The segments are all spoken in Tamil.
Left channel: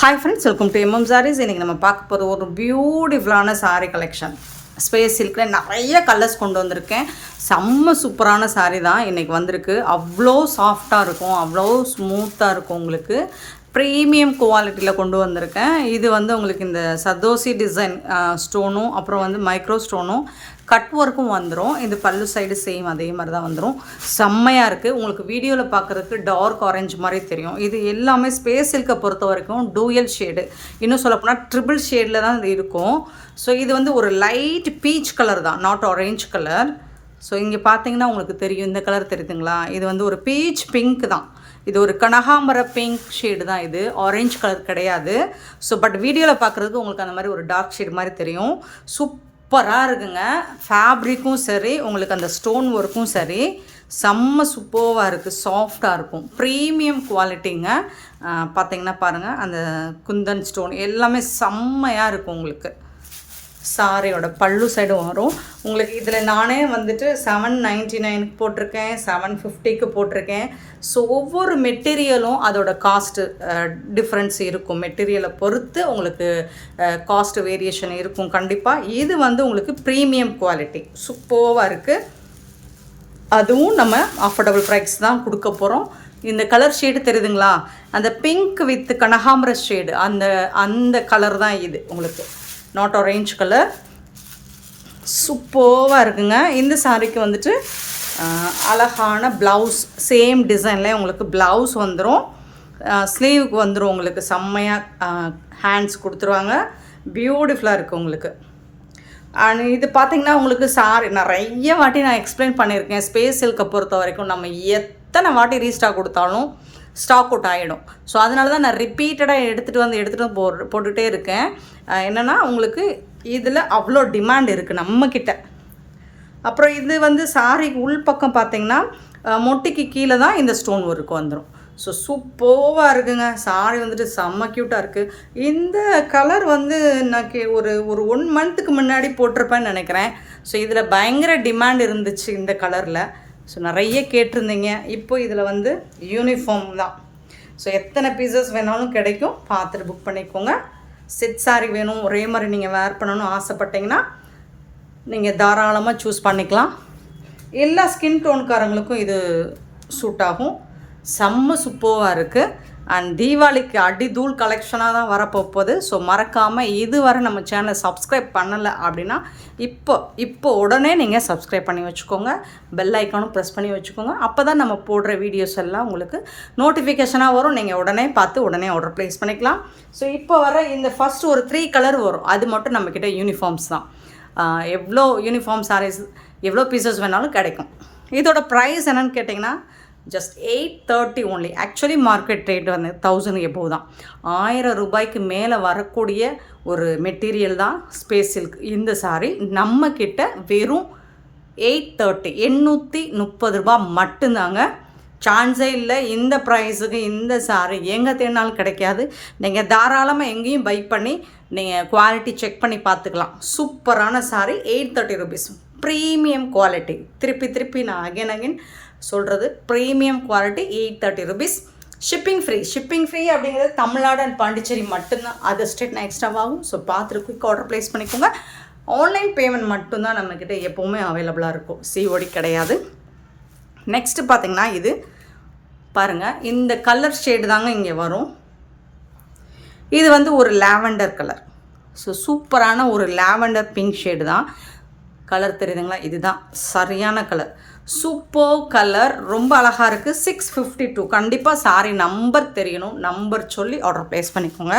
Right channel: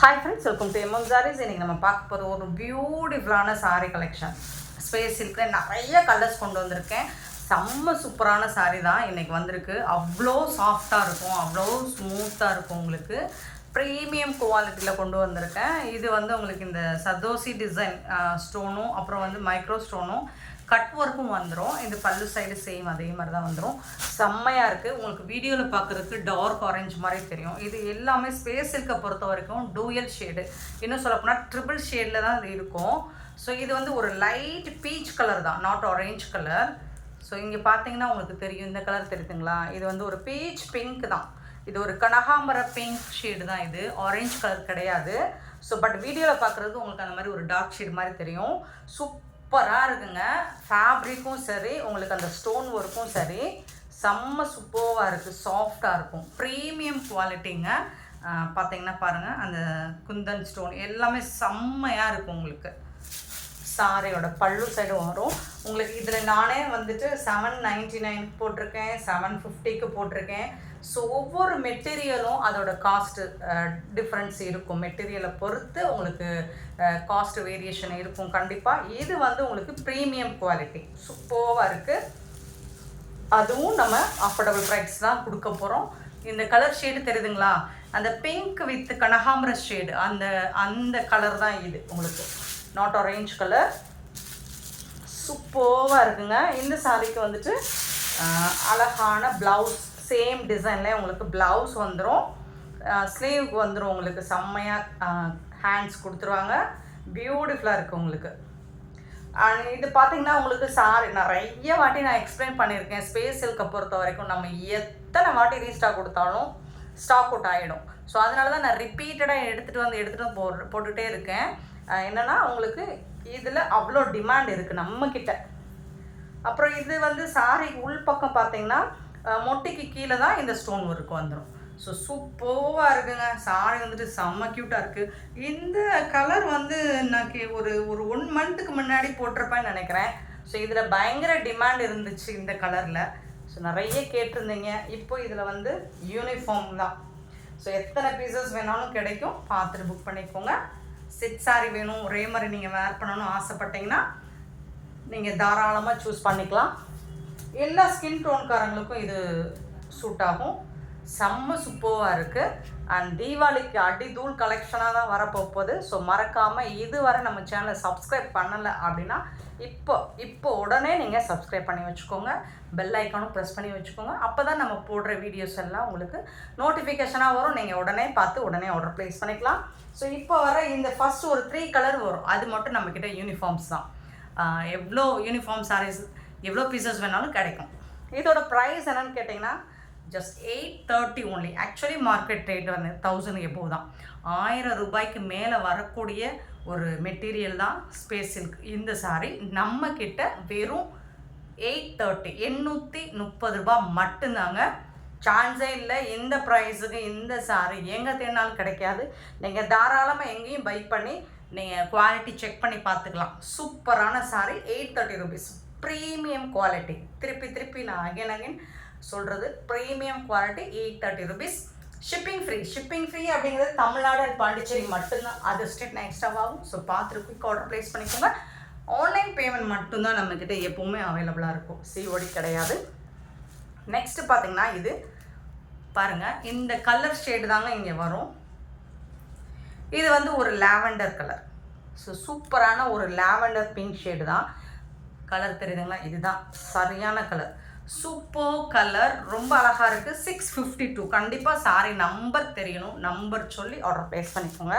Hi friends, welcome to MM Sarees. இன்றைக்கி நம்ம பார்க்க போகிற ஒரு பியூட்டிஃபுல்லான சாரீ கலெக்ஷன். ஸ்பேஸ் சில்கில் நிறைய கலர்ஸ் கொண்டு வந்திருக்கேன். செம்ம சூப்பரான சாரீ தான் இன்றைக்கி வந்திருக்கு. அவ்வளோ சாஃப்டாக இருக்கும், அவ்வளோ ஸ்மூத்தாக இருக்கும். உங்களுக்கு ப்ரீமியம் குவாலிட்டியில் கொண்டு வந்திருக்கேன். இது வந்து உங்களுக்கு இந்த சதோசி டிசைன் ஸ்டோனும் அப்புறம் வந்து மைக்ரோ ஸ்டோனும் கட் ஒர்க்கும் வந்துடும். இது பல்லு சைடு சேம் அதே மாதிரி தான் வந்துடும். செம்மையாக இருக்குது. உங்களுக்கு வீடியோவில் பார்க்குறதுக்கு டார்க் ஆரஞ்சு மாதிரி தெரியும். இது எல்லாமே ஸ்பேஸ் சில்கை பொறுத்த வரைக்கும் டூயல் ஷேடு, இன்னும் சொல்லப்போனால் ட்ரிபிள் ஷேடில் தான் இது இருக்கும். ஸோ இது வந்து ஒரு லைட் பீச் கலர் தான், நாட் ஆரஞ்ச் கலர். ஸோ இங்கே பார்த்தீங்கன்னா உங்களுக்கு தெரியும், இந்த கலர் தெரியுதுங்களா? இது வந்து ஒரு பீச் பிங்க் தான். இது ஒரு கனகாம்பர பிங்க் ஷேடு தான், இது ஆரஞ்ச் கலர் கிடையாது. ஸோ பட் வீடியோவில் பார்க்குறதுக்கு உங்களுக்கு அந்த மாதிரி ஒரு டார்க் ஷேடு மாதிரி தெரியும். சூப்பராக இருக்குங்க. ஃபேப்ரிக்கும் சரி, உங்களுக்கு அந்த ஸ்டோன் ஒர்க்கும் சரி, செம்ம சூப்பராக இருக்குது. சாஃப்டாக இருக்கும், ப்ரீமியம் குவாலிட்டிங்க. பார்த்தீங்கன்னா பாருங்கள், அந்த குந்தன் ஸ்டோன் எல்லாமே செம்மையாக இருக்கும். உங்களுக்கு சாரியோட பல்லு சைடு வரும். உங்களுக்கு இதில் நானே வந்துட்டு 799 போட்டிருக்கேன், 750க்கு போட்டிருக்கேன். ஸோ ஒவ்வொரு மெட்டீரியலும் அதோட காஸ்ட்டு டிஃப்ரென்ஸ் இருக்கும். மெட்டீரியலை பொறுத்து உங்களுக்கு காஸ்ட் வேரியேஷன் இருக்கும் கண்டிப்பாக. இது வந்து உங்களுக்கு ப்ரீமியம் குவாலிட்டி சூப்பராக இருக்குது. அதுவும் நம்ம அஃபோர்டபுள் ப்ரைஸ் தான் கொடுக்க போகிறோம். இந்த கலர் ஷேடு தெரியுதுங்களா? அந்த பிங்க் வித் கனகாம்பர ஷேடு, அந்த கலர் தான் இது. உங்களுக்கு நாட் ஆரஞ்ச் கலர். சூப்பராக இருக்குங்க. இந்த சாரிக்கு வந்துட்டு அழகான ப்ளவுஸ், சேம் டிசைனில் உங்களுக்கு ப்ளவுஸ் வந்துடும். ஸ்லீவுக்கு வந்துடும். உங்களுக்கு செம்மையாக ஹேண்ட்ஸ் கொடுத்துருவாங்க. பியூட்டிஃபுல்லாக இருக்குது உங்களுக்கு. அண்ட் இது பார்த்திங்கன்னா உங்களுக்கு சாரி நிறைய வாட்டி நான் எக்ஸ்பிளைன் பண்ணியிருக்கேன். ஸ்பேஸ் சில்கை பொறுத்த வரைக்கும் நம்ம எத்தனை வாட்டி ரீஸ்டாக் கொடுத்தாலும் ஸ்டாக் அவுட் ஆகிடும். ஸோ அதனால தான் நான் ரிப்பீட்டடாக எடுத்துகிட்டு போட்டுகிட்டே இருக்கேன். என்னென்னா உங்களுக்கு இதில் அவ்வளோ டிமாண்ட் இருக்குது நம்மக்கிட்ட. அப்புறம் இது வந்து சாரிக்கு உள் பக்கம் பார்த்திங்கன்னா மொட்டிக்கு கீழே தான் இந்த ஸ்டோன் ஒர்க் வந்துடும். ஸோ சூப்பராக இருக்குங்க. சாரி வந்துட்டு செம்ம க்யூட்டாக இருக்குது. இந்த கலர் வந்து நான் ஒரு 1 மந்த்துக்கு முன்னாடி போட்டிருப்பேன்னு நினைக்கிறேன். ஸோ இதில் பயங்கர டிமாண்ட் இருந்துச்சு இந்த கலரில். ஸோ நிறைய கேட்டிருந்தீங்க. இப்போ இதில் வந்து யூனிஃபார்ம் தான். ஸோ எத்தனை பீசஸ் வேணாலும் கிடைக்கும், பார்த்துட்டு புக் பண்ணிக்கோங்க. செட் சாரி வேணும், ஒரே மாதிரி நீங்கள் வேர் பண்ணணும்னு ஆசைப்பட்டீங்கன்னா நீங்கள் தாராளமாக சூஸ் பண்ணிக்கலாம். எல்லா ஸ்கின் டோன்காரங்களுக்கும் இது சூட் ஆகும். செம்ம சூப்பராக இருக்குது. அண்ட் தீபாவளிக்கு அடிதூள் கலெக்ஷனாக தான் வரப்போகுது. ஸோ மறக்காமல் இதுவரை நம்ம சேனலை சப்ஸ்கிரைப் பண்ணலை அப்படின்னா இப்போ உடனே நீங்கள் சப்ஸ்கிரைப் பண்ணி வச்சுக்கோங்க. பெல் ஐக்கானும் ப்ரெஸ் பண்ணி வச்சுக்கோங்க. அப்போ தான் நம்ம போடுற வீடியோஸ் எல்லாம் உங்களுக்கு நோட்டிஃபிகேஷனாக வரும். நீங்கள் உடனே பார்த்து உடனே ஆர்டர் ப்ளேஸ் பண்ணிக்கலாம். ஸோ இப்போ வர இந்த ஃபஸ்ட் ஒரு 3 கலர் வரும். அது மட்டும் நம்மக்கிட்ட யூனிஃபார்ம்ஸ் தான். எவ்வளோ யூனிஃபார்ம் சாரீஸ் எவ்வளோ பீசஸ் வேணாலும் கிடைக்கும். இதோட ப்ரைஸ் என்னென்னு கேட்டிங்கன்னா just 830 only. Actually market rate வந்து 1000 எபோவ் தான். 1000 ரூபாய்க்கு மேலே வரக்கூடிய ஒரு மெட்டீரியல் தான் ஸ்பேஸ் சில்க். இந்த சாரீ நம்மக்கிட்ட வெறும் 830, 830 ரூபா மட்டும்தாங்க. சான்ஸே இல்லை. இந்த ப்ரைஸுக்கு இந்த சாரீ எங்கே தேடினாலும் கிடைக்காது. நீங்கள் தாராளமாக எங்கேயும் பை பண்ணி நீங்கள் குவாலிட்டி செக் பண்ணி பார்த்துக்கலாம். சூப்பரான சாரீ 830 ருபீஸ். Premium quality. திருப்பி நான் அகைன் சொல்கிறது, premium quality 830 rupees. Shipping free அப்படிங்கிறது தமிழ்நாடு அண்ட் பாண்டிச்சேரி மட்டும்தான். அதர் ஸ்டேட் நான் எக்ஸ்ட்ராவாகும். ஸோ பார்த்துட்டு குயிக் ஆர்டர் ப்ளேஸ் பண்ணிக்கோங்க. ஆன்லைன் பேமெண்ட் மட்டும்தான் நம்மக்கிட்ட எப்போவுமே அவைலபிளாக இருக்கும். சிஓடி கிடையாது. நெக்ஸ்ட்டு பார்த்திங்கன்னா இது பாருங்கள், இந்த கலர் ஷேடு தாங்க இங்கே வரும். இது வந்து ஒரு லாவெண்டர் கலர். ஸோ சூப்பரான ஒரு லாவெண்டர் பிங்க் ஷேடு தான். கலர் தெரியுதுங்களா? இதுதான் சரியான கலர். சூப்பர் கலர், ரொம்ப அழகாக இருக்குது. 652. கண்டிப்பாக சாரி நம்பர் தெரியணும். நம்பர் சொல்லி ஆர்டர் ப்ளேஸ் பண்ணிக்கோங்க.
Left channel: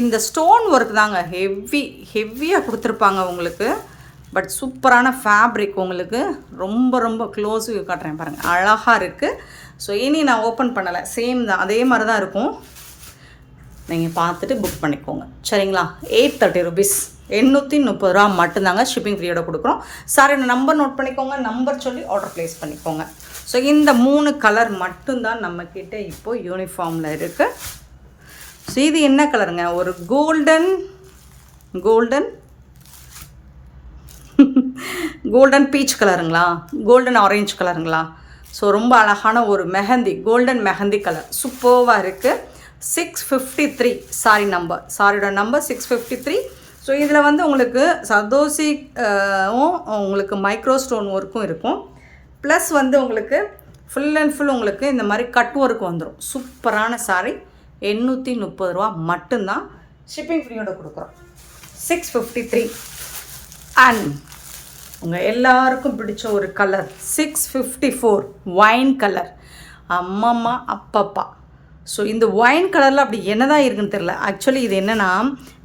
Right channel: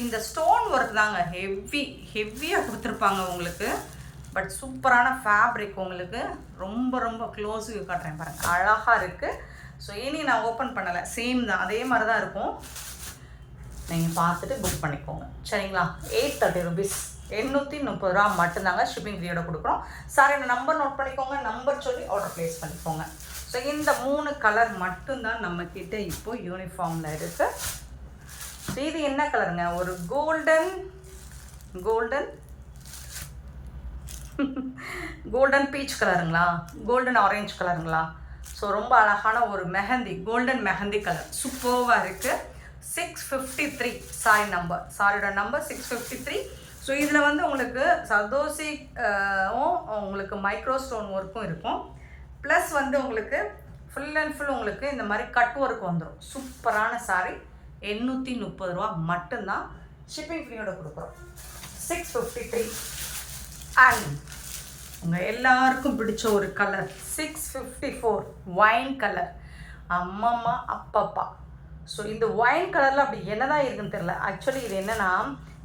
இந்த ஸ்டோன் ஒர்க் தாங்க ஹெவியாக கொடுத்துருப்பாங்க உங்களுக்கு. பட் சூப்பரான ஃபேப்ரிக். உங்களுக்கு ரொம்ப க்ளோஸ் வியூ காட்டுறேன் பாருங்கள், அழகாக இருக்குது. ஸோ இனி நான் ஓப்பன் பண்ணலை, சேம் தான், அதே மாதிரி தான் இருக்கும். நீங்கள் பார்த்துட்டு புக் பண்ணிக்கோங்க, சரிங்களா? 830 ருபீஸ், 830 ரூபா மட்டும்தாங்க. ஷிப்பிங் ஃப்ரீயோட கொடுக்குறோம். சாரி நம்பர் நோட் பண்ணிக்கோங்க, நம்பர் சொல்லி ஆர்டர் ப்ளேஸ் பண்ணிக்கோங்க. ஸோ இந்த 3 கலர் மட்டும்தான் நம்மக்கிட்ட இப்போது யூனிஃபார்மில் இருக்குது. ஸோ இது என்ன கலருங்க? ஒரு கோல்டன் பீச் கலருங்களா, கோல்டன் ஆரஞ்சு கலருங்களா? ஸோ ரொம்ப அழகான ஒரு மெஹந்தி, கோல்டன் மெஹந்தி கலர் சூப்பராக இருக்குது. 653 சாரி நம்பர், சாரியோட நம்பர் 653. ஸோ இதில் வந்து உங்களுக்கு சர்தோசி உங்களுக்கு மைக்ரோ ஸ்டோன் ஒர்க்கும் இருக்கும். ப்ளஸ் வந்து உங்களுக்கு ஃபுல் அண்ட் ஃபுல் உங்களுக்கு இந்த மாதிரி கட் ஒர்க் வந்துடும். சூப்பரான சாரி, 830 ரூபா மட்டும்தான். ஷிப்பிங் ஃப்ரீயோட கொடுக்குறோம். 653. அண்ட் உங்கள் எல்லாருக்கும் பிடிச்ச ஒரு கலர் 654 ஒயின் கலர். அம்மம்மா அப்பப்பா. ஸோ இந்த ஒயின் கலரில் அப்படி என்ன தான் இருக்குன்னு தெரில. ஆக்சுவலி இது என்னென்னா,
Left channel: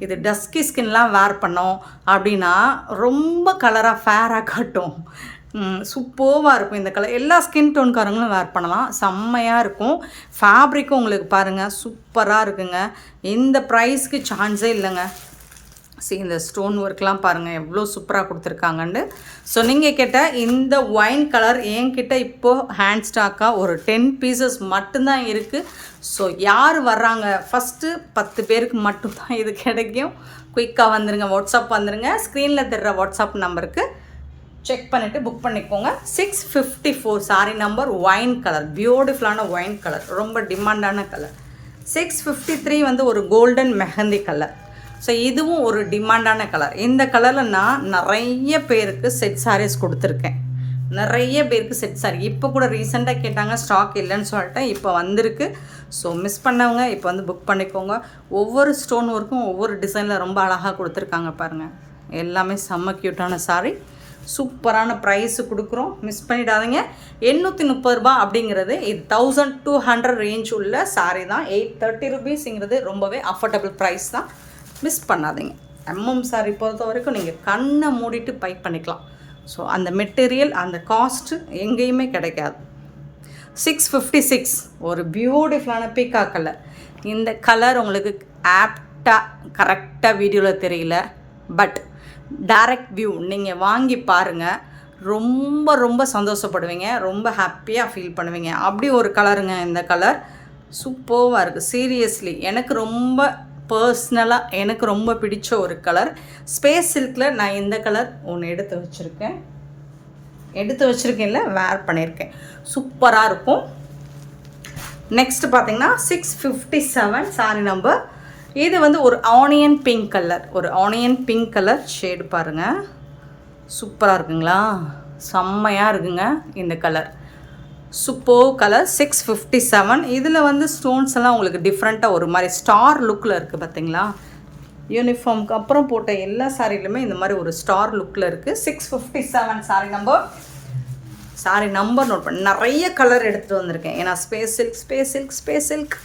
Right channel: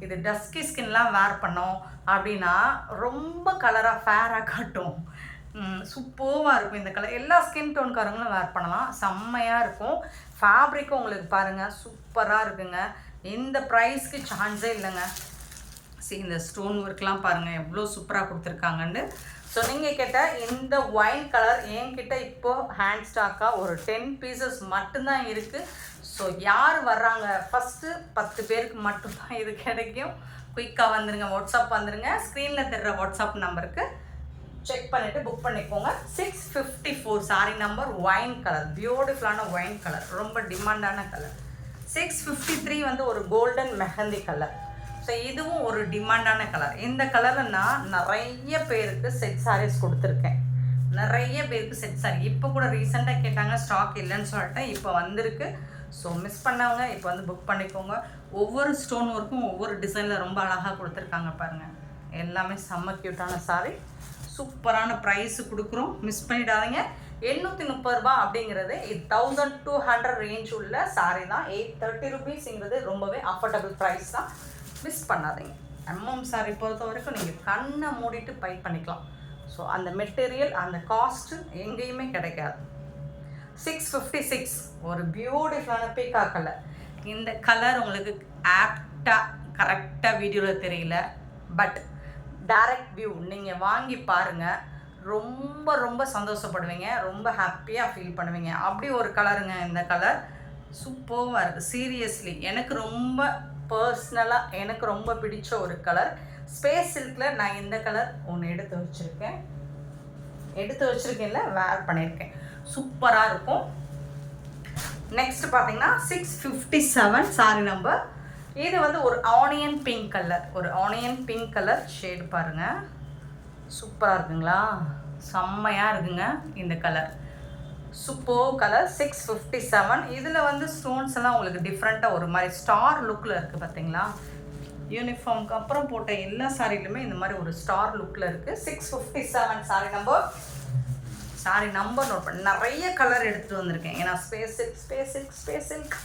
இது டஸ்கி ஸ்கின்லாம் வேர் பண்ணோம் அப்படின்னா ரொம்ப கலராக ஃபேராக காட்டும். சூப்பராக இருக்கும் இந்த கலர். எல்லா ஸ்கின் டோன்காரங்களும் வேர் பண்ணலாம், செம்மையாக இருக்கும். ஃபேப்ரிக்கும் உங்களுக்கு பாருங்கள் சூப்பராக இருக்குங்க. இந்த ப்ரைஸ்க்கு சான்ஸே இல்லைங்க. இந்த ஸ்டோன் ஒர்க்லாம் பாருங்கள் எவ்வளோ சூப்பராக கொடுத்துருக்காங்கன்னு. ஸோ நீங்கள் கேட்ட இந்த ஒயின் கலர் என்கிட்ட இப்போது ஹேண்ட் ஸ்டாக்காக ஒரு 10 பீசஸ் மட்டும்தான் இருக்குது. ஸோ யார் வர்றாங்க, ஃபஸ்ட்டு 10 பேருக்கு மட்டும்தான் இது கிடைக்கும். குயிக்காக வந்துடுங்க, வாட்ஸ்அப் வந்துடுங்க. ஸ்க்ரீனில் தெரிகிற வாட்ஸ்அப் நம்பருக்கு செக் பண்ணிவிட்டு புக் பண்ணிக்கோங்க. 654 சாரி நம்பர், ஒயின் கலர், பியூட்டிஃபுல்லான ஒயின் கலர், ரொம்ப டிமாண்டான கலர். 653 வந்து ஒரு கோல்டன் மெஹந்தி கலர். ஸோ இதுவும் ஒரு டிமாண்டான கலர். இந்த கலரில் நான் நிறைய பேருக்கு செட் சாரீஸ் கொடுத்துருக்கேன். நிறைய பேருக்கு செட் சாரி இப்போ கூட ரீசெண்டாக கேட்டாங்க, ஸ்டாக் இல்லைன்னு சொல்லிட்டு இப்போ வந்திருக்கு. ஸோ மிஸ் பண்ணவங்க இப்போ வந்து புக் பண்ணிக்கோங்க. ஒவ்வொரு ஸ்டோன் ஒர்க்கும் ஒவ்வொரு டிசைனில் ரொம்ப அழகாக கொடுத்துருக்காங்க பாருங்கள். எல்லாமே செம்ம க்யூட்டான சாரீ, சூப்பரான ப்ரைஸு கொடுக்குறோம், மிஸ் பண்ணிடாதீங்க. 830 ரூபா அப்படிங்கிறது இது 1200 ரேஞ்ச் உள்ள சாரீ தான். 830 ருபீஸுங்கிறது ரொம்பவே அஃபோர்டபுள் ப்ரைஸ் தான், மிஸ் பண்ணாதீங்க. எம்எம் சாரி பொறுத்த வரைக்கும் நீங்கள் கண்ணை மூடிட்டு பை பண்ணிக்கலாம். ஸோ அந்த மெட்டீரியல் அந்த காஸ்ட்டு எங்கேயுமே கிடைக்காது. 656 ஒரு பியூட்டிஃபுல்லான பீக்கா கலர். இந்த கலர் உங்களுக்கு ஆப்டாக கரெக்டாக வீடியோவில் தெரியல, பட் டைரக்ட் வியூ நீங்கள் வாங்கி பாருங்கள், ரொம்ப ரொம்ப சந்தோஷப்படுவீங்க, ரொம்ப ஹாப்பியாக ஃபீல் பண்ணுவீங்க. அப்படி ஒரு கலருங்க இந்த கலர். சூப்பராக இருக்குது. சீரியஸ்லி எனக்கு ரொம்ப பர்சனலாக எனக்கு ரொம்ப பிடிச்ச ஒரு கலர். ஸ்பேஸ் சில்கில் நான் இந்த கலர் ஒன்று எடுத்து வச்சுருக்கேன்ல, வேர் பண்ணியிருக்கேன். சூப்பராக இருக்கும். நெக்ஸ்ட்டு பார்த்தீங்கன்னா 657 சாரி நம்பர். இது வந்து ஒரு ஆனியன் பிங்க் கலர், ஒரு ஆனியன் பிங்க் கலர் ஷேடு பாருங்கள், சூப்பராக இருக்குங்களா, செம்மையாக இருக்குங்க இந்த கலர். Super colour. 657. இதில் வந்து ஸ்டோன்ஸ் எல்லாம் உங்களுக்கு டிஃப்ரெண்ட்டாக ஒரு மாதிரி ஸ்டார் லுக்கில் இருக்குது பார்த்தீங்களா. யூனிஃபார்முக்கு அப்புறம் போட்ட எல்லா சாரிலுமே இந்த மாதிரி ஒரு ஸ்டார் லுக்கில் இருக்குது. 657 sari number. Sari number note பண்ணி நிறைய கலர் எடுத்துகிட்டு வந்திருக்கேன். ஏன்னா ஸ்பேஸ் சில்க்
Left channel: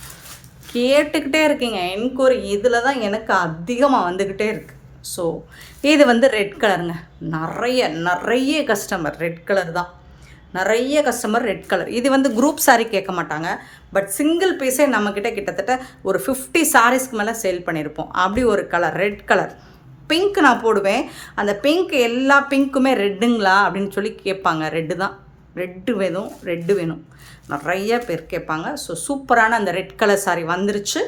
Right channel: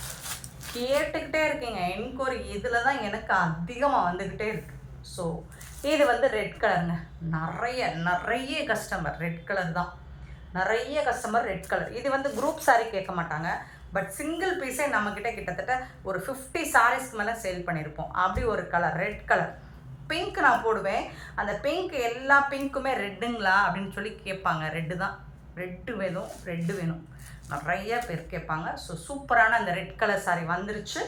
கேட்டுக்கிட்டே இருக்கீங்க என்கொயரி, இதில் தான் எனக்கு அதிகமாக வந்துக்கிட்டே இருக்குது. ஸோ இது வந்து ரெட் கலருங்க. நிறைய கஸ்டமர் ரெட் கலர் தான், நிறைய கஸ்டமர் ரெட் கலர். இது வந்து குரூப் சாரீ கேட்க மாட்டாங்க, பட் சிங்கிள் பீஸே நம்மக்கிட்ட கிட்டத்தட்ட ஒரு 50 சாரீஸ்க்கு மேலே சேல் பண்ணியிருப்போம். அப்படி ஒரு கலர் ரெட் கலர். பிங்க் நான் போடுவேன், அந்த பிங்க் எல்லா பிங்க்குமே ரெட்டுங்களா அப்படின்னு சொல்லி கேட்பாங்க. ரெட்டு தான், ரெட்டு வேணும் நிறைய பேர் கேட்பாங்க. ஸோ சூப்பரான அந்த ரெட் கலர் சாரீ வந்துருச்சு.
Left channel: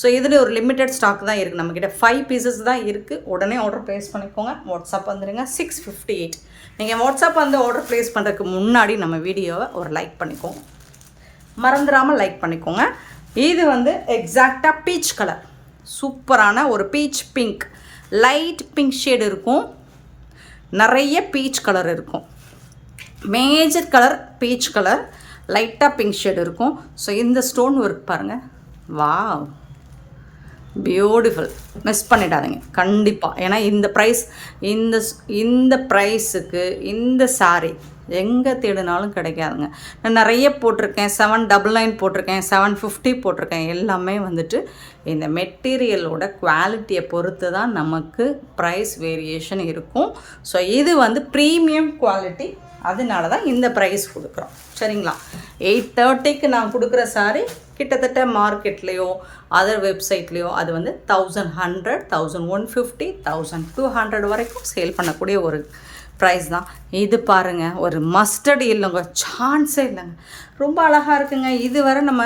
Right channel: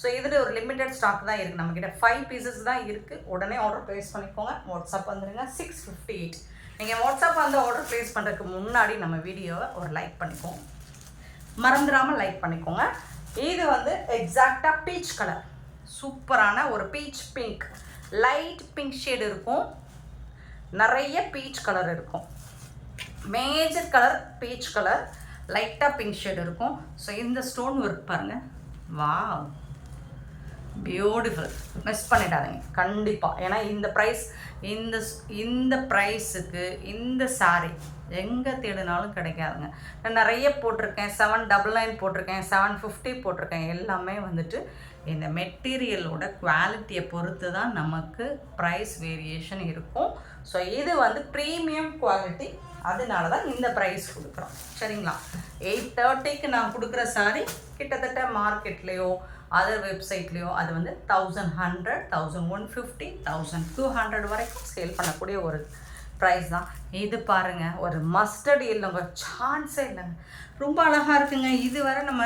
ஸோ இதில் ஒரு லிமிட்டட் ஸ்டாக் தான் இருக்குது, நம்மக்கிட்ட 5 பீசஸ் தான் இருக்குது. உடனே ஆர்டர் ப்ளேஸ் பண்ணிக்கோங்க, வாட்ஸ்அப் வந்துடுங்க. 658. நீங்கள் வாட்ஸ்அப் வந்து ஆர்டர் ப்ளேஸ் பண்ணுறதுக்கு முன்னாடி நம்ம வீடியோவை ஒரு லைக் பண்ணிக்கோங்க, மறந்துடாமல் லைக் பண்ணிக்கோங்க. இது வந்து எக்ஸாக்டாக பீச் கலர், சூப்பரான ஒரு beach pink, light pink shade இருக்கும், நிறைய பீச் கலர் இருக்கும். மேஜர் கலர் பீச் கலர், லைட்டாக பிங்க் ஷேடு இருக்கும். ஸோ இந்த ஸ்டோன் ஒர்க் பாருங்கள், வாவ் பியூட்டிஃபுல், மிஸ் பண்ணிடாதீங்க கண்டிப்பாக. ஏன்னா இந்த ப்ரைஸ், இந்த ப்ரைஸுக்கு இந்த சாரீ எங்கே தேடினாலும் கிடைக்காதுங்க. நான் நிறைய போட்டிருக்கேன், 799 போட்டிருக்கேன், 750 போட்டிருக்கேன். எல்லாமே வந்துட்டு இந்த மெட்டீரியலோட குவாலிட்டியை பொறுத்து தான் நமக்கு ப்ரைஸ் வேரியேஷன் இருக்கும். ஸோ இது வந்து ப்ரீமியம் குவாலிட்டி, அதனால தான் இந்த ப்ரைஸ் கொடுக்குறோம். சரிங்களா. 830க்கு நான் கொடுக்குற சாரீ கிட்டத்தட்ட மார்க்கெட்லேயோ அதர் வெப்சைட்லேயோ அது வந்து 1100, 1150, 1200 வரைக்கும் சேல் பண்ணக்கூடிய ஒரு ப்ரைஸ் தான். இது பாருங்கள், ஒரு மஸ்டர்ட் இல்லைங்க, சான்ஸே இல்லைங்க, ரொம்ப அழகாக இருக்குங்க. இது வரை நம்ம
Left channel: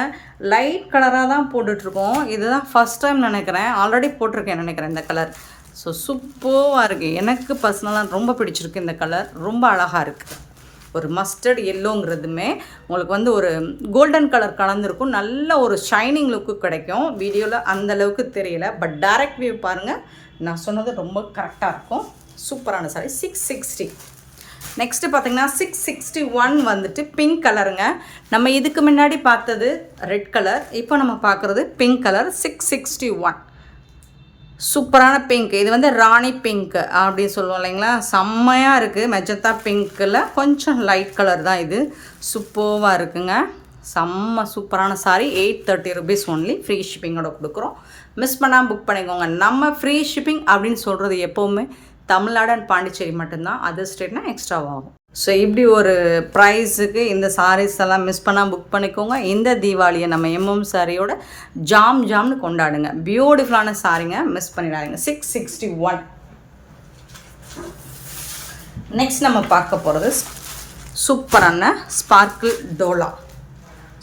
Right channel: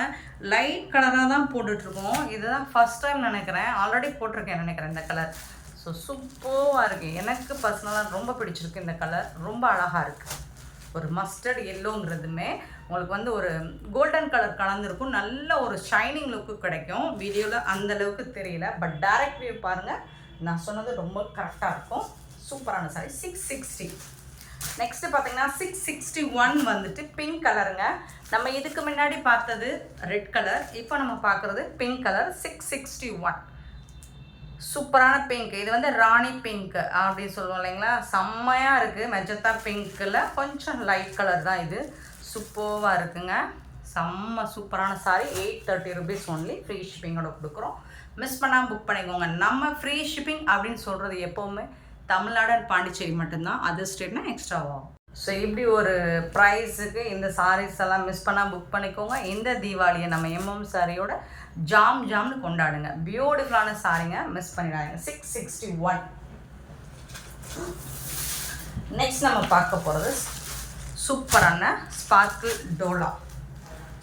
லைட் கலராக தான் போட்டுட்ருக்கோம். இதுதான் ஃபஸ்ட் டைம் நினைக்கிறேன், ஆல்ரெடி போட்டிருக்கேன் நினைக்கிறேன் இந்த கலர். ஸோ சூப்பராக இருக்குது, எனக்கு பர்சனலாக ரொம்ப பிடிச்சிருக்கு இந்த கலர், ரொம்ப அழகாக இருக்குது. ஒரு மஸ்டர்ட் எல்லோங்கிறதுமே உங்களுக்கு வந்து ஒரு கோல்டன் கலர் கலந்துருக்கும். நல்ல ஒரு ஷைனிங் லுக்கு கிடைக்கும். வீடியோவில் அந்தளவுக்கு தெரியல, பட் டைரக்ட் வியூ பாருங்கள், நான் சொன்னது ரொம்ப கரெக்டாக இருக்கும். சூப்பரான சாரி. 660. நெக்ஸ்ட்டு பார்த்திங்கன்னா 661 வந்துட்டு பிங்க் கலருங்க. நம்ம இதுக்கு முன்னாடி பார்த்தது ரெட் கலர், இப்போ நம்ம பார்க்குறது பிங்க் கலர். 661 சூப்பரான பிங்க். இது வந்து ராணி பிங்க் அப்படின்னு சொல்லுவோம் இல்லைங்களா, செம்மையாக இருக்குது. மெஜந்தா பிங்க்கில் கொஞ்சம் லைட் கலர் தான் இது. சூப்பராக இருக்குங்க. செம்ம சூப்பரான சாரி. 830 rupees only. ஃப்ரீ ஷிப்பிங்கோட கொடுக்குறோம். மிஸ் பண்ணாமல் புக் பண்ணிக்கோங்க. நம்ம ஃப்ரீ ஷிப்பிங் அப்படின்னு சொல்கிறது எப்போவுமே தமிழ்நாடு அண்ட் பாண்டிச்சேரி மட்டும்தான். அதர் ஸ்டேட்னா எக்ஸ்ட்ராவாகும். ஸோ இப்படி ஒரு ப்ரைஸுக்கு இந்த சாரீஸ் எல்லாம் மிஸ் பண்ணால் புக் பண்ணிக்கோங்க. இந்த தீபாவளியை நம்ம எம்எம் சாரியோட ஜாம்னு கொண்டாடுங்க. பியூட்டிஃபுல்லான சாரிங்க, மிஸ் பண்ணிடாதீங்க. 661. நெக்ஸ்ட் நம்ம பார்க்க போகிறது சூப்பரான ஸ்பார்க்கிள் டோலா.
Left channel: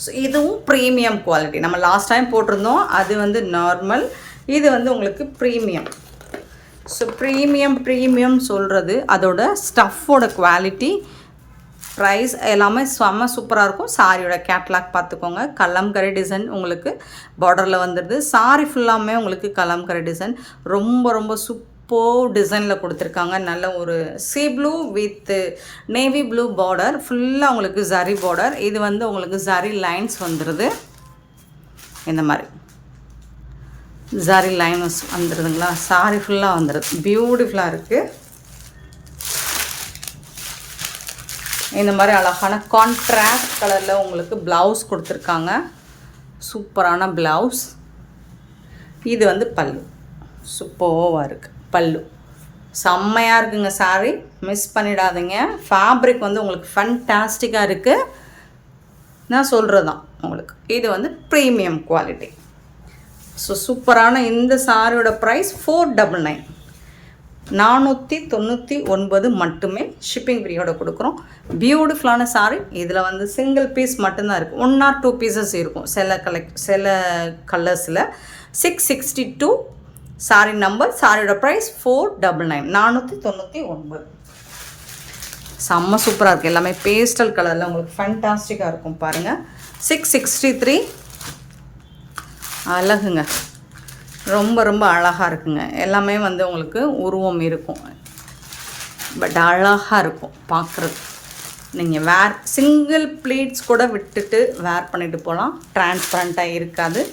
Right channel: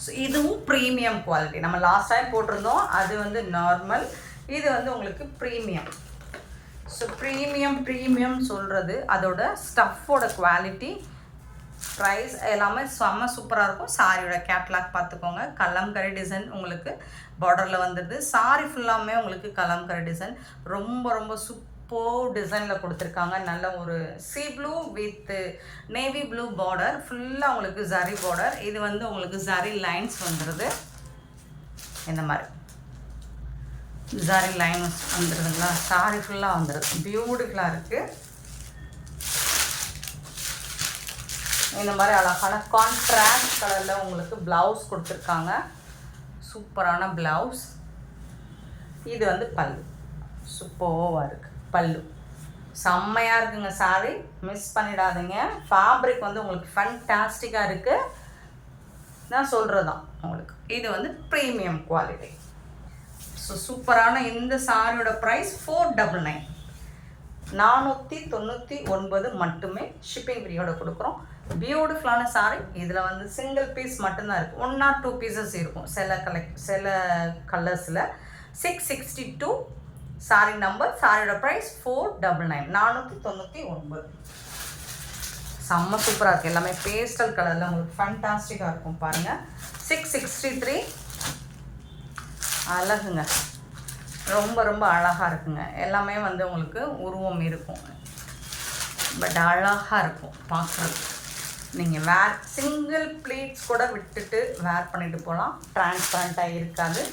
ஸோ இதுவும் ப்ரீமியம் குவாலிட்டி. நம்ம லாஸ்ட் டைம் போட்டிருந்தோம், அது வந்து நார்மல், இது வந்து உங்களுக்கு ப்ரீமியம். ஸோ ப்ரீமியம் சொல்கிறது அதோட ஸ்டஃப்போட குவாலிட்டி, ப்ரைஸ் எல்லாமே செம்ம சூப்பராக இருக்கும். சாரியோட கேட்லாக் பார்த்துக்கோங்க. கலம்கரி டிசைன் உங்களுக்கு பார்டரில் வந்துடுது. சாரி ஃபுல்லாமே உங்களுக்கு கலம்கரி டிசைன் ரொம்ப சூப்பர் டிசைனில் கொடுத்துருக்காங்க. நல்ல ஒரு sea blue with navy blue border, ஃபுல்லாக உங்களுக்கு ஜரி பார்டர். இது வந்து உங்களுக்கு ஜரி லைன்ஸ் வந்துடுது. இந்த மாதிரி ஜரி லைன்ஸ் வந்துடுதுங்களா. சாரி ஃபுல்லாக வந்துடுது. பியூட்டிஃபுல்லாக இருக்குது. இந்த மாதிரி அழகான கான்ட்ராஸ்ட் கலரில் உங்களுக்கு ப்ளவுஸ் கொடுத்துருக்காங்க. சூப்பரான ப்ளவுஸ். இது வந்து பல்லு. சூப்பராக இருக்குது. பல்லு செம்மையாக இருக்குங்க. சாரி மிஸ் பண்ணிடாதீங்க. ஃபேப்ரிக் வந்து உங்களுக்கு ஃபண்டாஸ்டிக்காக இருக்குது. நான் சொல்கிறது தான் உங்களுக்கு. இது வந்து ப்ரீமியம் குவாலிட்டி. ஸோ சூப்பரான இந்த சாரியோட ப்ரைஸ் 499. 499 மட்டுமே. ஷிப்பிங் ஃப்ரீயோட கொடுக்குறோம். பியூட்டிஃபுல்லான சாரி. இதில் வந்து சிங்கிள் பீஸ் மட்டும்தான் இருக்குது. 1 or 2 பீசஸ் இருக்கும் சில கலர்ஸில். 662 சாரி நம்பர். சாரியோட ப்ரைஸ் 499. 499. செம்ம சூப்பராக இருக்குது. எல்லாமே பேஸ்டல் கலரில் உங்களுக்கு ஃபேண்டாஸ்டிக்காக இருக்கும் பாருங்கள். 663 அழகுங்க. ரொம்ப அழகாக இருக்குங்க. எல்லாமே வந்து உங்களுக்கு உருவம் இருக்கும், பட் அழகாக இருக்கும் பார்க்குறது. நீங்கள் சிங்கிள் ப்ளீட்ஸ் கூட விட்டுட்டு வேர் பண்ணிட்டு போகலாம். டிரான்ஸ்பரண்ட்டாக இருக்காது.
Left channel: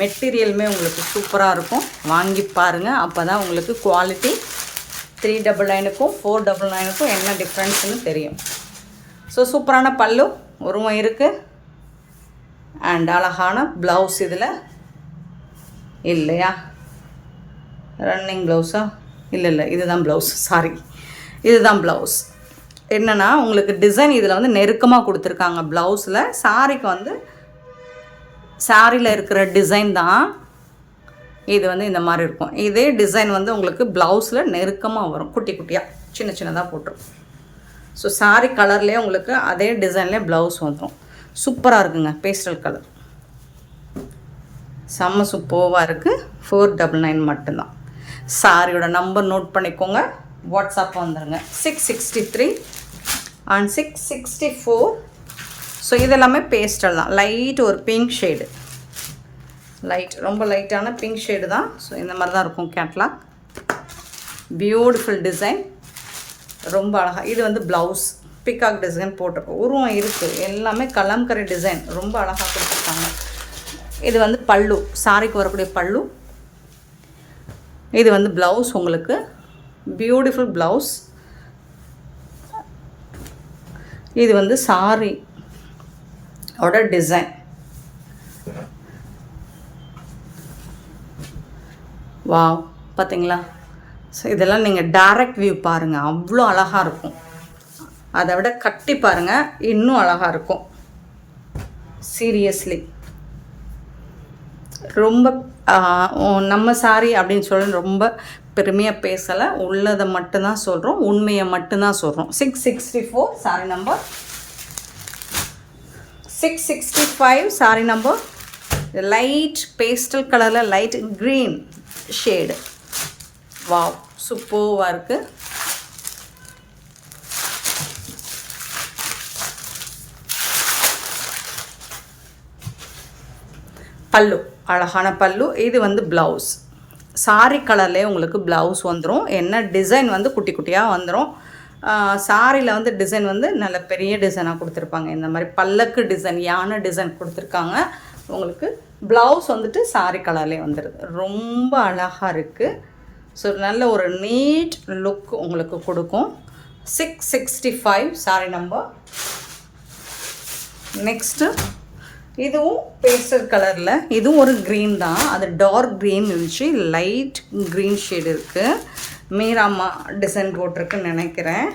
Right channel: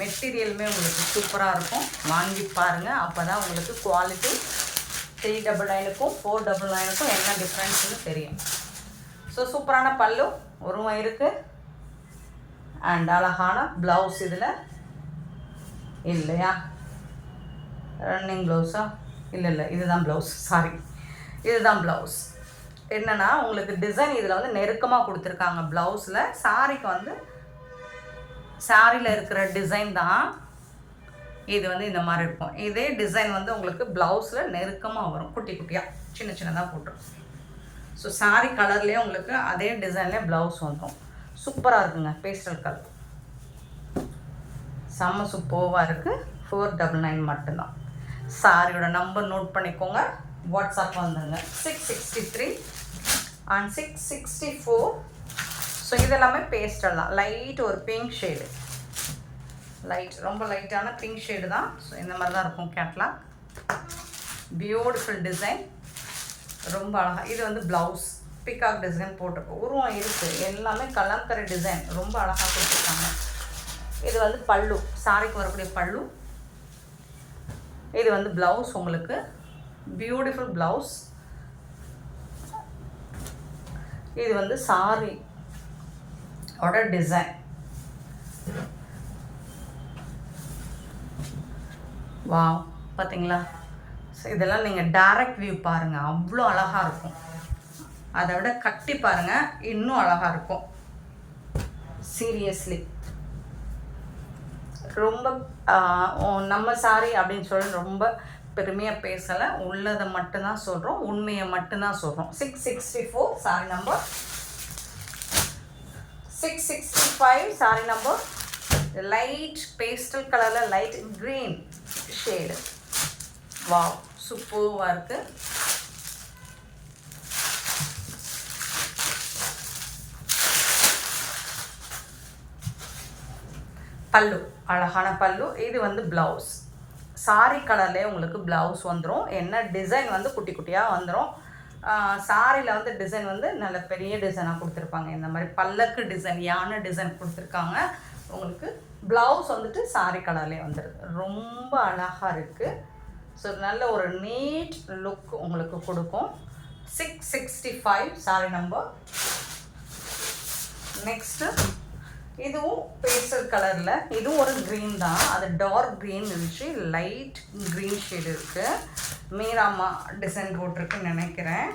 மெட்டீரியலுமே உங்களுக்கு சூப்பராக இருக்கும். வாங்கி பாருங்கள். அப்போ தான் உங்களுக்கு குவாலிட்டி 399க்கும் 499க்கும் என்ன டிஃப்ரென்ஸ்னு தெரியும். ஸோ சூப்பரான பல்லு உருவம் இருக்குது. அண்ட் அழகான ப்ளவுஸ். இதில் இல்லையா, ரன்னிங் ப்ளவுஸா? இல்லை இதுதான் ப்ளவுஸ். சாரி, இதுதான் ப்ளவுஸ். என்னென்னா உங்களுக்கு டிசைன் இதில் வந்து நெருக்கமாக கொடுத்துருக்காங்க. ப்ளவுஸில் சாரிக்கு வந்து சாரியில் இருக்கிற டிசைன் தான் இது வந்து இந்த மாதிரி இருக்கும். இதே டிசைன் வந்து உங்களுக்கு ப்ளவுஸில் நெருக்கமாக வரும். குட்டியாக சின்னதாக போட்டுரும். ஸோ சாரி கலர்லேயே உங்களுக்கு அதே டிசைன்லேயே ப்ளவுஸ் வந்துடும். சூப்பராக இருக்குங்க. பேஸ்டல் கலர் செம்ம சூப்பராக இருக்குது. 499 மட்டும்தான். சாரியோட நம்பர் நோட் பண்ணிக்கோங்க. வாட்ஸ்அப் வந்துடுங்க. 663 அண்ட் 664. ஸோ இதெல்லாமே பேஸ்டல் தான். லைட் ஒரு பிங்க் ஷேடு, ரொம்ப லைட்டான பிங்க் ஷேடு தான். ஸோ இந்த மாதிரி தான் இருக்கும் கேட்லாக். பியூட்டிஃபுல் டிசைன், ரொம்ப அழகாக. இது வந்து ப்ளவுஸ் பிகாக் டிசைன் போட்டிருக்கோம். உருவம் இருக்குது. எல்லாமே கலம்கரி டிசைன், ரொம்ப அழகாக கொடுத்துருக்காங்க. இது வந்து பல்லு, சாரிக்கு வரக்கூடிய பல்லு. இது வந்து ப்ளவுஸ் உங்களுக்கு. Beautiful blouse. இது வந்து சாரி ஓட டிசைன். வாவ், பார்த்தீங்களா? ஸோ இதெல்லாம் நீங்கள் டைரக்ட் வியூ பாருங்கள், அவ்வளோ அழகாக இருக்கும். அதை விட கட்டி பாருங்கள், இன்னும் அழகாக இருக்கும். சீரியஸ்லி ரொம்ப நம்ம சாரி அப்படின்னு சொல்லி ரொம்ப பெருமையாக பேசலை. உள்ளதை மட்டும்தான் சொல்கிறோம், உண்மையை மட்டும்தான் சொல்கிறோம். 664 sorry number. 665 sorry number. Light pastel கலரில் லைட் க்ரீன் ஷேடு. வாவ், சூப்பராக இருக்குது. பல்லு, அழகான பல்லு. இது வந்து ப்ளவுஸ். சாரி கலர்லேயே உங்களுக்கு ப்ளவுஸ் வந்துடும். என்ன டிசைன் வந்து குட்டி குட்டியாக வந்துடும். சாரியில் வந்து டிசைன் வந்து நல்ல பெரிய டிசைனாக கொடுத்துருப்பாங்க. இந்த மாதிரி பல்லக்கு டிசைன், யானை டிசைன் கொடுத்துருக்காங்க. உங்களுக்கு ப்ளவுஸ் வந்துட்டு சாரி கலர்லேயே வந்துடுது. ரொம்ப அழகாக இருக்குது. ஸோ நல்ல ஒரு நீட் லுக் உங்களுக்கு கொடுக்கும். 665 சாரி நம்பர். நெக்ஸ்ட்டு இதுவும் பேஸ்டல் கலரில், இதுவும் ஒரு க்ரீன் தான். அது டார்க் க்ரீன் இருந்துச்சு, லைட் க்ரீன் ஷேடு இருக்குது. மீராமா டிசைன் போட்டிருக்குன்னு நினைக்கிறேன்.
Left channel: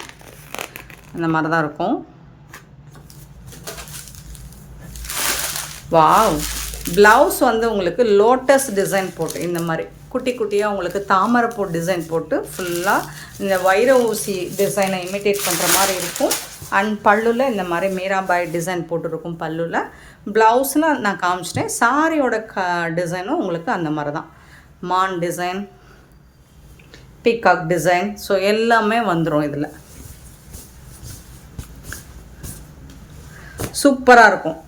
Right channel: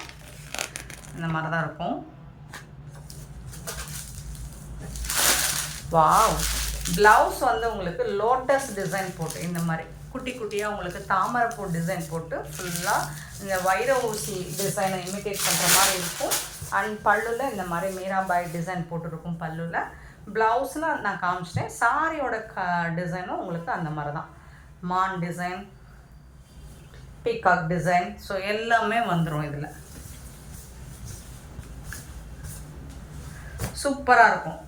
இந்த மாதிரி தான் இருக்கும். வாவ். ப்ளவுஸ் வந்து உங்களுக்கு லோட்டஸ் டிசைன் போட்டு இந்த மாதிரி குட்டி குட்டியாக உங்களுக்கு தாமரைப்பூ டிசைன் போட்டு ஃபுல்லாக இந்த வைர ஊசி டிசைனை இமிட்டேட் பண்ணுற மாதிரி இருக்கும். அண்ட் பல்லுவில் இந்த மாதிரி மீராபாய் டிசைன் போட்டுருக்கும் பல்லுவில். ப்ளவுஸில் நான் காமிச்சிட்டேன். சாரியோட டிசைனும் உங்களுக்கு அந்த மாதிரி தான். மான் டிசைன், பீகாக் டிசைன், ஸோ எல்லாமே வந்துடும் இதில். சூப்பராக இருக்கும்.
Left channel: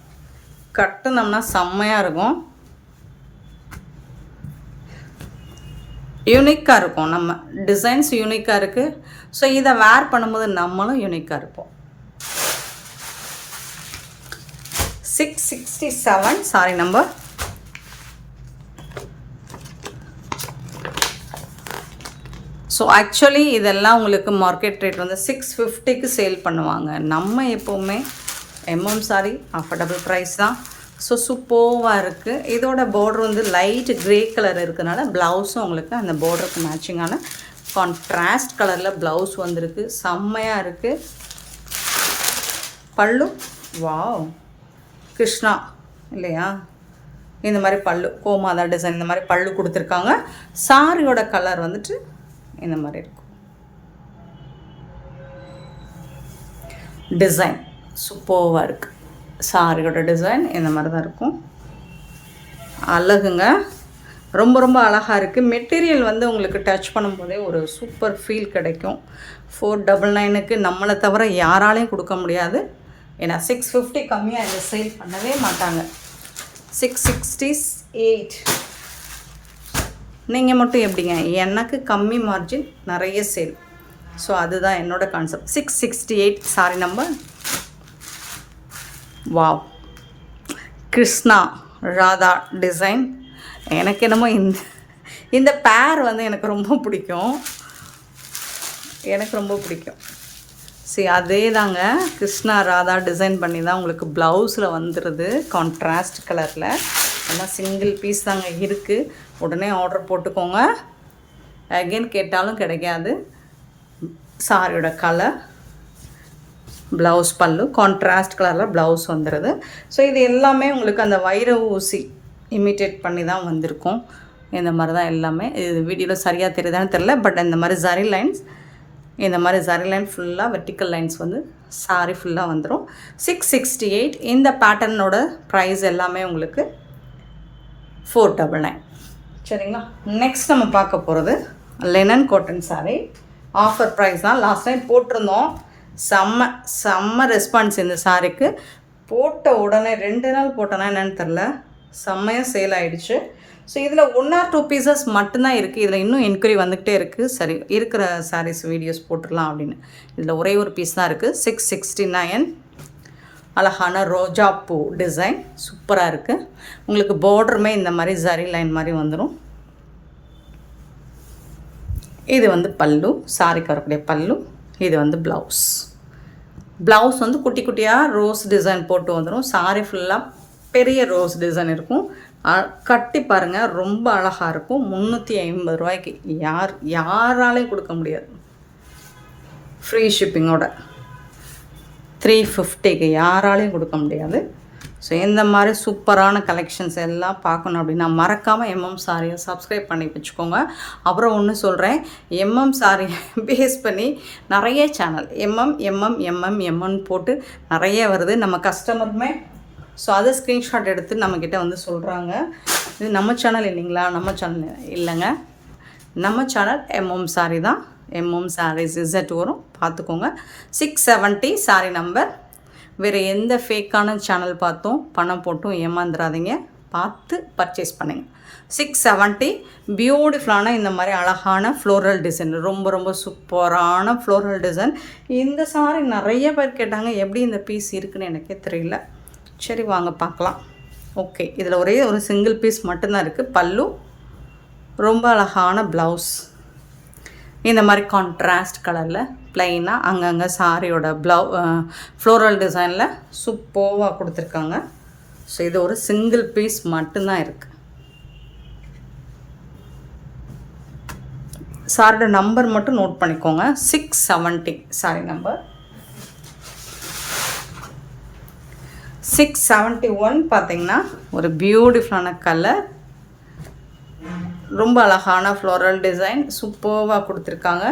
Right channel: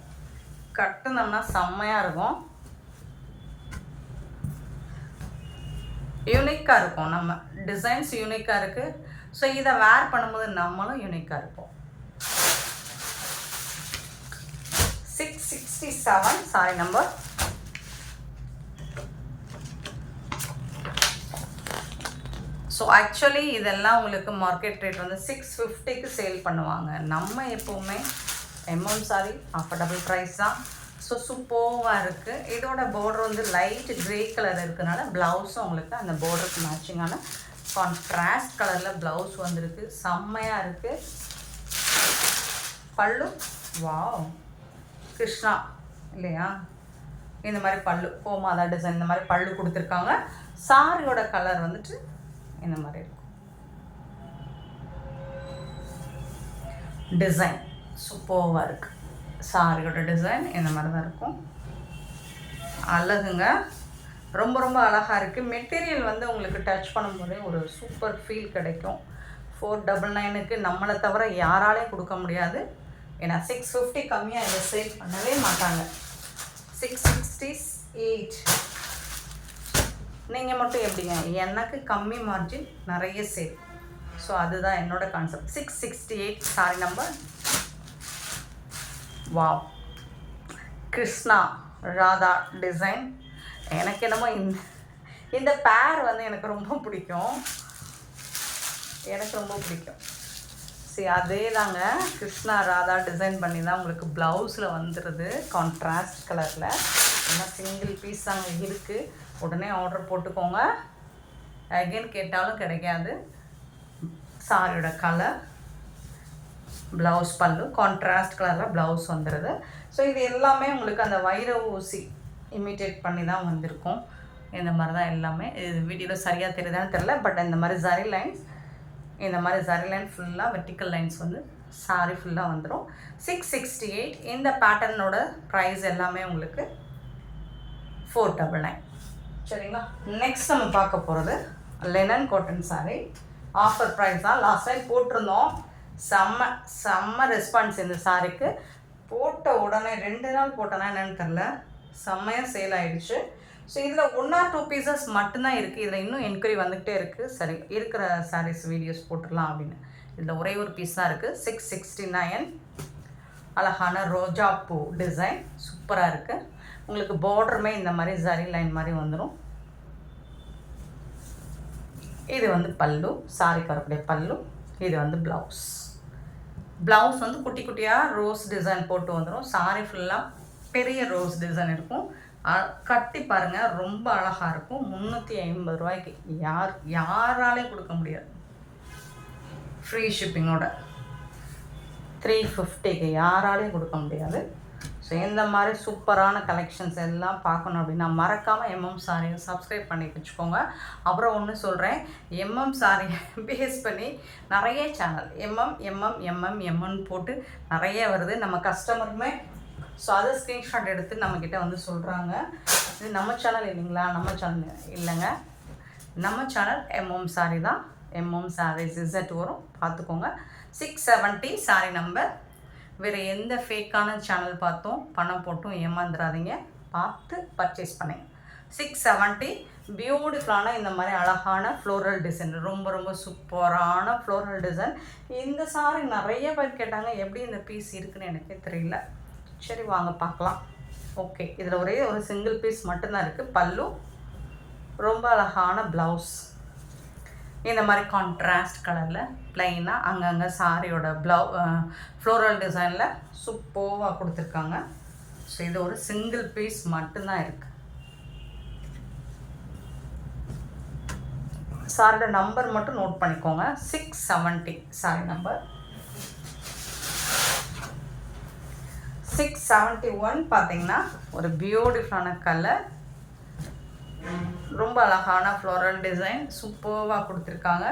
கட்டுனோம்னா செம்மையாக இருக்கும். யூனிக்காக இருக்கும். நம்ம டிசைன்ஸ் யூனிக்காக இருக்குது. ஸோ இதை வேர் பண்ணும்போது நம்மளும் யூனிக்காக இருப்போம். 667 சாரி நம்பர். ஸோ ஆக்சுவலி இதெல்லாம் உங்களுக்கு மார்க்கெட் ரேட் வந்து 650க்கு சேல் பண்ணுவாங்க. நம்ம எப்போவுமே எம்எம் சாரி அஃபோர்டபுள் ப்ரைஸ் தான். ஸோ சூப்பராக இருக்குது. இதோட பார்டர் வந்து லைட் க்ரே கலர் இருக்கிறதுனால ப்ளவுஸும் உங்களுக்கு அந்த பார்டருக்கு மேட்சிங்கான கான்ட்ராஸ்ட் கலரில் ப்ளவுஸ் வந்திருக்கு. செம்மையாக இருக்குது. பல்லு வாவ், கிருஷ்ணா இல்லையா, இந்த மாதிரி பல்லு கோமாதா டிசைன் இந்த மாதிரி பல்லு கொடுத்துருக்காங்க. சாரியோட கலர் வந்துட்டு இந்த மாதிரி இருக்கும். டிசைன் சூப்பராக இருக்குது. சாரியோட டிசைன் இந்த மாதிரி தான் இருக்கும். அழகுங்க, ரொம்ப ரொம்ப அழகாக இருக்குது. மெட்டீரியல் வந்து உங்களுக்கு டச் பண்ணும்போதே ஒரு சூப்பர் ஃபீல் கிடைக்கும். 499க்கு நம்மளை தவிர யாராலையும் கொடுக்க முடியாது. ஏன்னா 650 கம்மியாக இதை சேல் பண்ணவே மாட்டாங்க. 668 நீங்கள் மட்டும் எப்படிங்க? எனக்கு கம்மி மார்ஜின், நிறைய சேல். ஸோ அதுதான் என்னோடய concept. 668 sorry number. Wow, Krishna Radha design. எனக்கு என்னமோ இந்த பேர் வந்து எனக்கு ரொம்ப பிடிக்கும். சரி, அதே தாங்க கிருஷ்ணா ராதா டிசைன் பண்ணி தான் உங்களுக்கு ப்ளவுஸில் வந்துடுது கான்ட்ராஸ்ட் கலரில். ஆனால் சிங்கிள் பீஸ் தாங்க இருக்குது. உடனே ஆர்டர் போட்டுக்கோங்க. அகெயின் கேட்டாலும் கிடைக்காது. சாரியோட கலர், ப்ளவுஸ் பல்லு கான்ட்ராஸ்ட் கலரில் ப்ளவுஸ் வந்துடுது. ஸோ இது எல்லாமே உங்களுக்கு அந்த வைர ஊசி இமிட்டேட் பண்ணி தான் வந்திருக்கும். இந்த மாதிரி தான் எல்லாமே. இது வீடியோவில் சரியாக தெரியுதான்னு தெரில. பட் இந்த மாதிரி ஜரி லைன்ஸ், இந்த மாதிரி ஜரி லைன் ஃபுல்லாக வெர்டிக்கல் லைன்ஸ் வந்து சாரி ஃபுல்லாக வந்துடும். 668. இந்த பேட்டர்னோட ப்ரைஸ் எல்லாமே உங்களுக்கு 499. சரிங்களா. நெக்ஸ்ட் நம்ம பார்க்க போகிறது linen cotton sari. Offer price தான். லாஸ்ட் டைம் போட்டிருந்தோம். செம்ம ரெஸ்பான்ஸ் இந்த சாரிக்கு. போட்ட உடனே 2 நாள் போட்டோன்னா என்னென்னு தெரில, செம்மையாக சேல் ஆகிடுச்சு. ஸோ இதில் 1 or 2 பீசஸ் மட்டும்தான் இருக்குது. இதில் இன்னும் என்கொயரி வந்துக்கிட்டே இருக்குது. சரி, இருக்கிற சாரீஸ் வீடியோஸ் போட்டுடலாம் அப்படின்னு. இதில் ஒரே ஒரு பீஸ் தான் இருக்குது. 669. அழகான ரோஜா பூ டிசைன் சூப்பராக இருக்குது. உங்களுக்கு பார்டருமே இந்த மாதிரி ஜரி லைன் மாதிரி வந்துடும். இது வந்து பல்லு, சாரிக்கு வரக்கூடிய பல்லு. இது வந்து ப்ளவுஸ் வந்து குட்டி குட்டியாக ரோஸ் டிசைன் போட்டு வந்துடும். சாரி ஃபுல்லாக பெரிய ரோஸ் டிசைன் இருக்கும். கட்டி பாருங்கள், ரொம்ப அழகாக இருக்கும். 350 ரூபாய்க்கு யாராலையும் கொடுக்க முடியாது. ஃப்ரீ ஷிப்பிங்கோட 350க்கு யாராலையும் கொடுக்க முடியாது. ஸோ இந்த மாதிரி சூப்பரான கலெக்ஷன்ஸ் எல்லாம் பார்க்கணும் அப்படின்னா மறக்காமல் எம்எம் சாரியை சப்ஸ்கிரைப் பண்ணி வச்சுக்கோங்க. அப்புறம் ஒன்று சொல்கிறேன், எம்எம் சாரி பேஸ் பண்ணி நிறைய சேனல் எம்எம் போட்டு நிறைய வருது. நம்ம கஸ்டமருமே ஸோ அதை ஸ்க்ரீன்ஷாட் எடுத்து நம்மக்கிட்ட வந்து சொல்கிறாங்க, இது நம்ம சேனல் இல்லைங்களா? நம்ம சேனல் இல்லைங்க, நம்ம சேனல் எம்எம் சாரி தான். எம்எம் சாரீஸ் இசட் வரும், பார்த்துக்கோங்க. 670 சாரி நம்பர். வேறு எந்த ஃபேக்கான சேனல் பார்த்தோம் பணம் போட்டும் ஏமாந்துடாதீங்க. பார்த்து பர்ச்சேஸ் பண்ணுங்க. 670 பியூட்டிஃபுல்லான இந்த மாதிரி அழகான ஃப்ளோரல் டிசைன், ரொம்ப ரொம்ப சூப்பரான ஃப்ளோரல் டிசைன். இந்த சாரி நிறைய பேர் கேட்டாங்க, எப்படி இந்த பீஸ் இருக்குன்னு எனக்கே தெரியல. சரி வாங்க பார்க்கலாம். ஓகே, இதில் ஒரே ஒரு சிங்கிள் பீஸ் மட்டும்தான் இருக்குது. பல்லு, ரொம்ப அழகான ப்ளவுஸ் இந்த மாதிரி கான்ட்ராஸ்ட் கலரில் ப்ளைனாக அங்கங்கே சாரியோட ஃப்ளோரல் டிசைனில் சூப்பராக கொடுத்துருக்காங்க. ஸோ இது ஒரு சிங்கிள் பீஸ் மட்டும்தான் இருக்குது. சாரியோட நம்பர் மட்டும் நோட் பண்ணிக்கோங்க. 670 சாரி நம்பர் 671. பார்த்தீங்கன்னா ஒரு பியூட்டிஃபுல்லான கலர், ரொம்ப அழகான ஃப்ளோரல் டிசைன் சூப்பராக கொடுத்துருக்காங்க.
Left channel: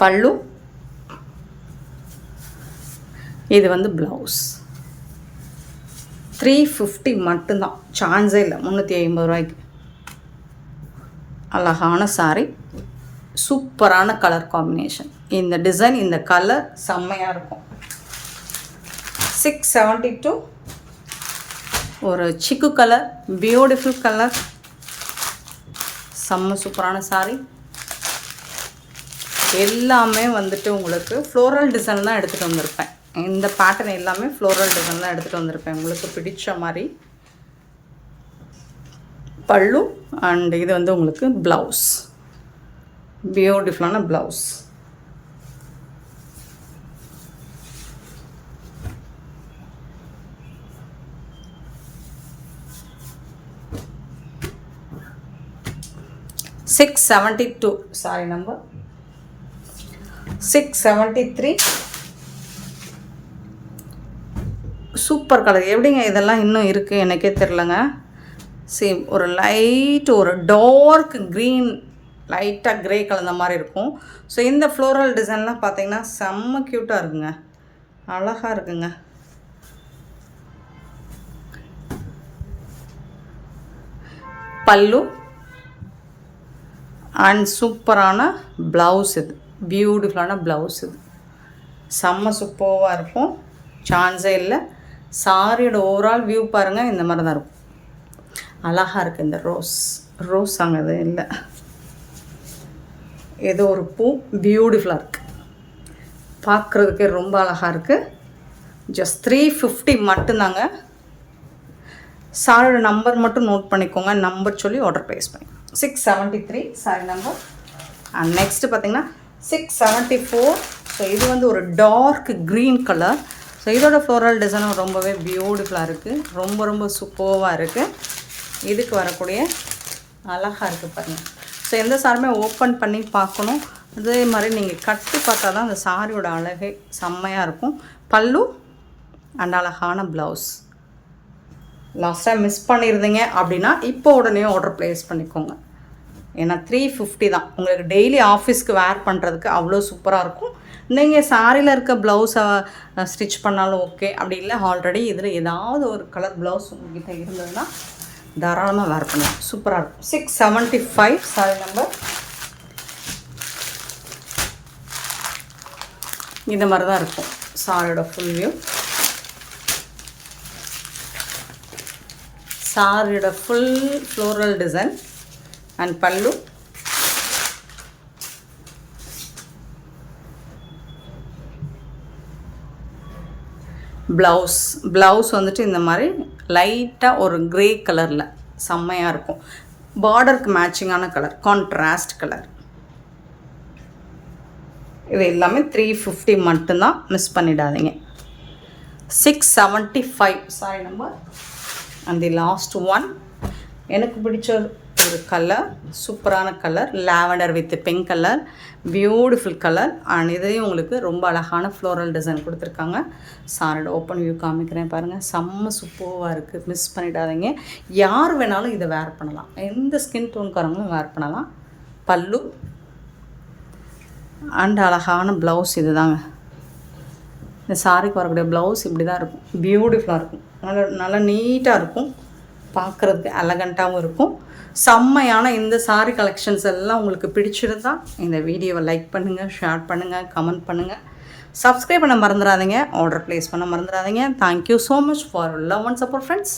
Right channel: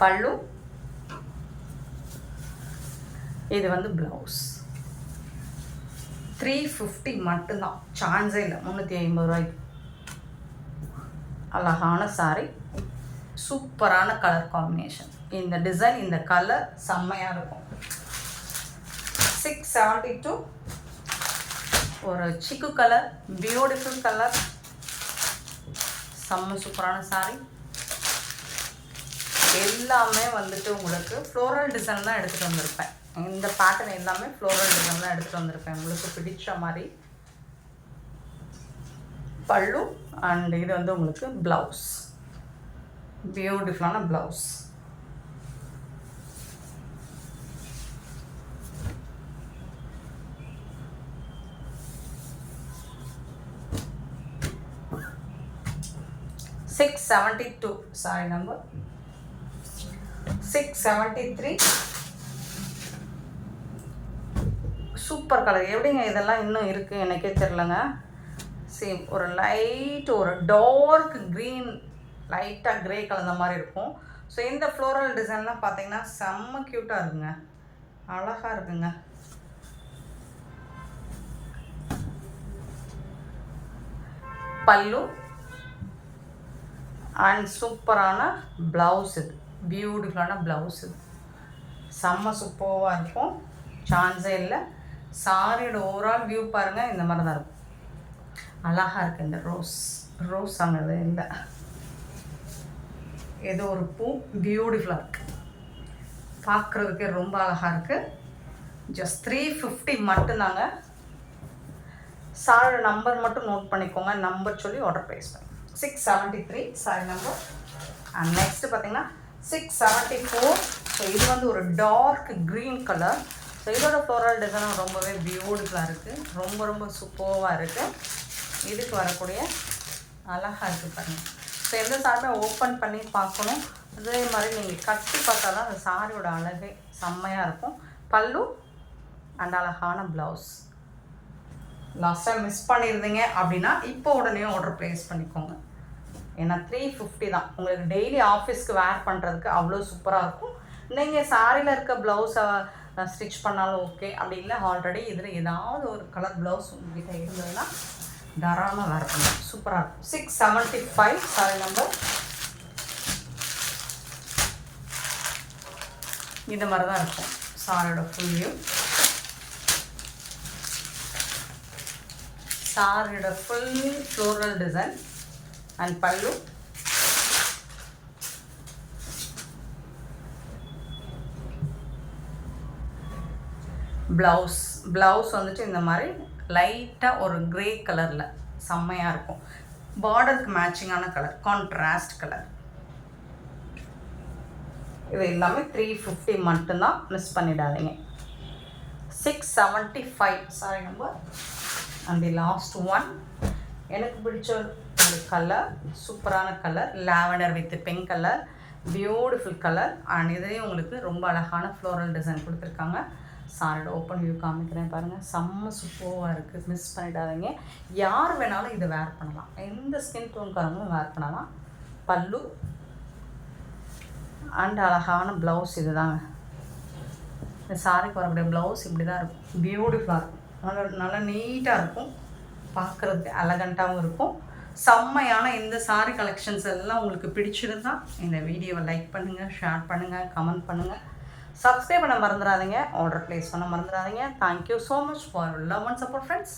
பல்லு, இது வந்து ப்ளவுஸ். 350 மட்டும்தான், சான்ஸே இல்லை. 350 ரூபாய்க்கு அழகான சாரி, சூப்பரான கலர் காம்பினேஷன். இந்த டிசைன், இந்த கலர் செம்மையாக இருக்கும். 672 ஒரு சிக்கு கலர், பியூட்டிஃபுல் கலர், செம்ம சூப்பரான சாரி. எல்லாமே வந்துட்டு உங்களுக்கு ஃப்ளோரல் டிசைன் தான் எடுத்துகிட்டு வந்திருப்பேன். இந்த பேட்டர்ன் எல்லாமே ஃப்ளோரல் டிசைன் தான் எடுத்துகிட்டு வந்திருப்பேன் உங்களுக்கு பிடிச்ச மாதிரி. பல்லு அண்ட் இது வந்து உங்களுக்கு ப்ளவுஸ், பியூட்டிஃபுல்லான blouse. $672 sorry number 673. Super colour. எப்படிங்க இதெல்லாம் இன்னும் இருக்குது எனக்கே தெரிலங்க. சேம் ஒரு லைட், ஒரு டார்க் க்ரீன், லைட்டாக க்ரே கலந்த மாதிரி இருக்கும். ஸோ இந்த ஃப்ளோரல் டிசைன்லாம் பார்த்தீங்கன்னா செம்ம க்யூட்டாக இருக்குங்க, அழகாக இருக்குங்க. பல்லு அண்ட் சூப்பரான ப்ளவுஸ். இது பியூட்டிஃபுல்லான ப்ளவுஸ். இது செம்ம சூப்பராக இருக்கும், சான்ஸே இல்லை. சாரியோட ஓவரால் வியூ பாருங்கள், இந்த மாதிரி தான் இருக்கும். அழகாக இருக்குது. இந்த ரோஸ் அங்கே இல்லை, ஏதோ ஒரு பூ பியூட்டிஃபுல்லாக இருக்குது, பார்க்குறதுக்கே ரொம்ப அழகாக இருக்குது. ஜஸ்ட் 350 மட்டும்தாங்க. சாரியோட நம்பர் மட்டும் நோட் பண்ணிக்கோங்க, நம்பர் சொல்லி ஆர்டர் ப்ளேஸ் பண்ணி. 673 சாரி நம்பர். அண்ட் நெக்ஸ்ட்டு பார்த்தீங்கன்னா 674. ஸோ இது வந்து ஒரு டார்க் க்ரீன் கலர். ஸோ இதோட ஃப்ளோரல் டிசைனும் ரொம்பவே பியூட்டிஃபுல்லாக இருக்குது, ரொம்ப ரொம்ப சூப்பராக இருக்குது. இதுக்கு வரக்கூடிய அழகாக இருக்குது பாருங்கள். ஸோ எந்த சாரியுமே ஓப்பன் பண்ணி பார்க்கணும், அதே மாதிரி நீங்கள் கட்டி பார்த்தா தான் அந்த சாரியோட அழகே செம்மையாக இருக்கும். பல்லு அண்ட் அழகான ப்ளவுஸ். லாஸ்ட் டைம் மிஸ் பண்ணியிருந்தீங்க அப்படின்னா இப்போ உடனே ஆர்டர் ப்ளேஸ் பண்ணிக்கோங்க. ஏன்னா 350 தான். உங்களுக்கு டெய்லி ஆஃபீஸ்க்கு வேர் பண்ணுறதுக்கு அவ்வளோ சூப்பராக இருக்கும். நீங்கள் சாரியில் இருக்க ப்ளவுஸை ஸ்டிச் பண்ணாலும் ஓகே, அப்படி இல்லை ஆல்ரெடி இதில் ஏதாவது ஒரு கலர் ப்ளவுஸ் உங்கள்கிட்ட இருந்ததுன்னா தாராளமாக வேர் பண்ணலாம், சூப்பராக இருக்கும். 675 சாரி நம்பர். இந்த மாதிரி தான் இருக்கும் சாரியோட ஃபுல் வியூ. சாரியோட ஃபுல் ஃப்ளோரல் டிசைன் அண்ட் பல்லு. ப்ளவுஸ் வந்துட்டு இந்த மாதிரி லைட்டாக ஒரு க்ரே கலரில் செம்மையாக இருக்கும். பார்டருக்கு மேட்சிங்கான கலர், கான்ட்ராஸ்ட் கலர். இது எல்லாமே 350 மட்டும்தான், மிஸ் பண்ணிடாதீங்க. 675 sorry number. And the last one, எனக்கு பிடிச்ச ஒரு கலர், சூப்பரான colour, lavender with pink colour, beautiful colour. And இதையும் உங்களுக்கு ரொம்ப அழகான ஃப்ளோரல் டிசைன் கொடுத்துருக்காங்க. சாரியோட ஓப்பன் வியூ காமிக்கிறேன் பாருங்கள், செம்ம சூப்பராக இருக்குது, மிஸ் பண்ணிடாதீங்க. யார் வேணாலும் இதை வேர் பண்ணலாம், எந்த ஸ்கின் டோன்காரங்களும் வேர் பண்ணலாம். பல்லு அண்ட் அழகான ப்ளவுஸ். இது தாங்க இந்த சாரிக்கு வரக்கூடிய ப்ளவுஸ். இப்படி தான் இருக்கும், பியூட்டிஃபுல்லாக இருக்கும், நல்லா நீட்டாக இருக்கும், பார்க்குறதுக்கு எலகண்ட்டாகவும் இருக்கும். செம்மையான இந்த சாரி கலெக்ஷன்ஸ் எல்லாம் உங்களுக்கு பிடிச்சிருந்தா இந்த வீடியோவை லைக் பண்ணுங்கள், ஷேர் பண்ணுங்கள், கமெண்ட் பண்ணுங்கள். சப்ஸ்கிரைப் பண்ண மறந்துடாதீங்க, ஆர்டர் ப்ளேஸ் பண்ண மறந்துடாதீங்க. Thank you so much for love and support friends.